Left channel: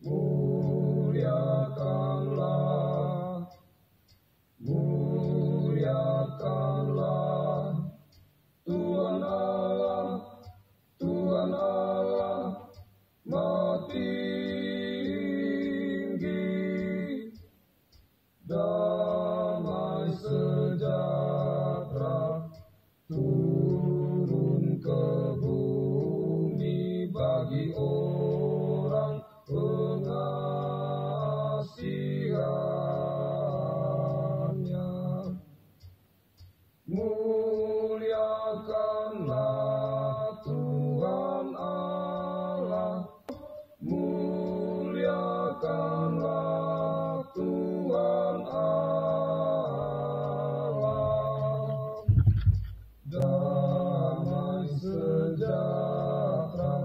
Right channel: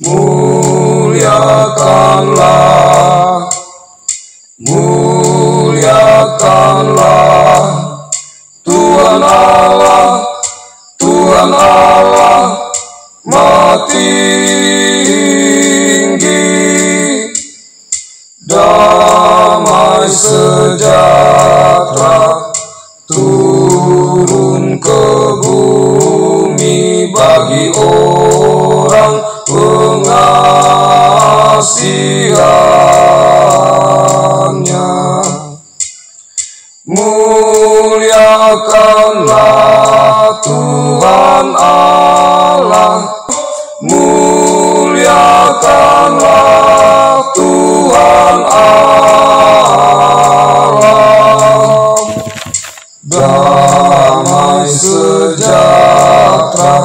Muliakanlah, muliakanlah Tuhan Allah, Tuhan Allah Maha Tinggi. Damai sejahtera turun ke bumi bagi orang pengasihannya. Muliakanlah Tuhan Allah, muliakanlah Tuhan Allah. Damai sejahtera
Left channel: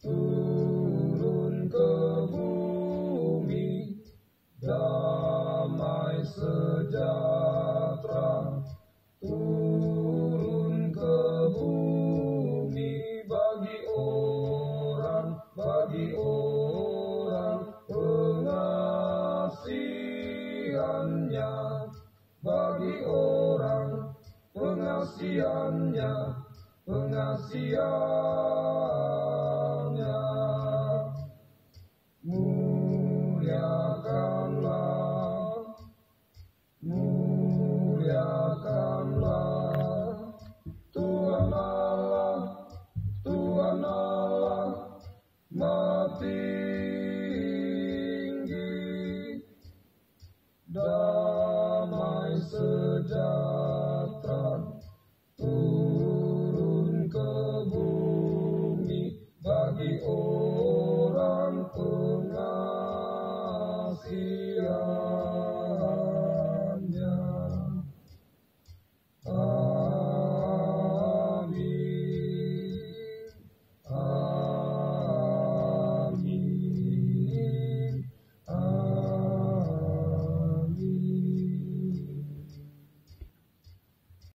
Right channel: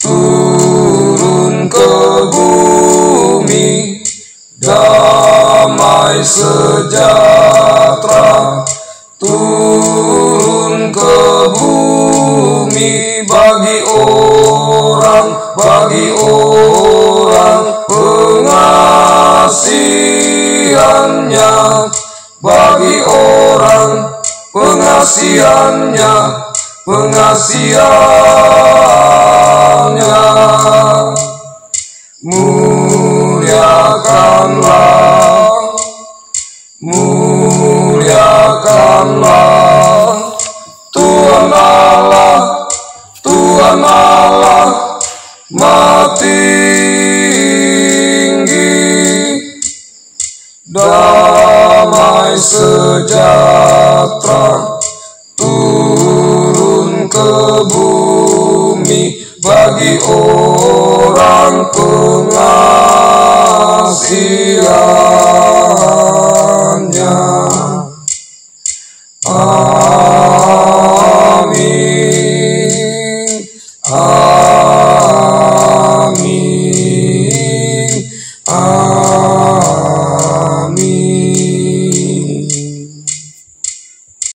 turun ke bumi, damai sejahtera turun ke bumi bagi orang pengasihannya, bagi orang pengasihannya. Muliakanlah, muliakanlah Tuhan Allah, Tuhan Allah Maha Tinggi. Damai sejahtera turun ke bumi bagi orang pengasihannya.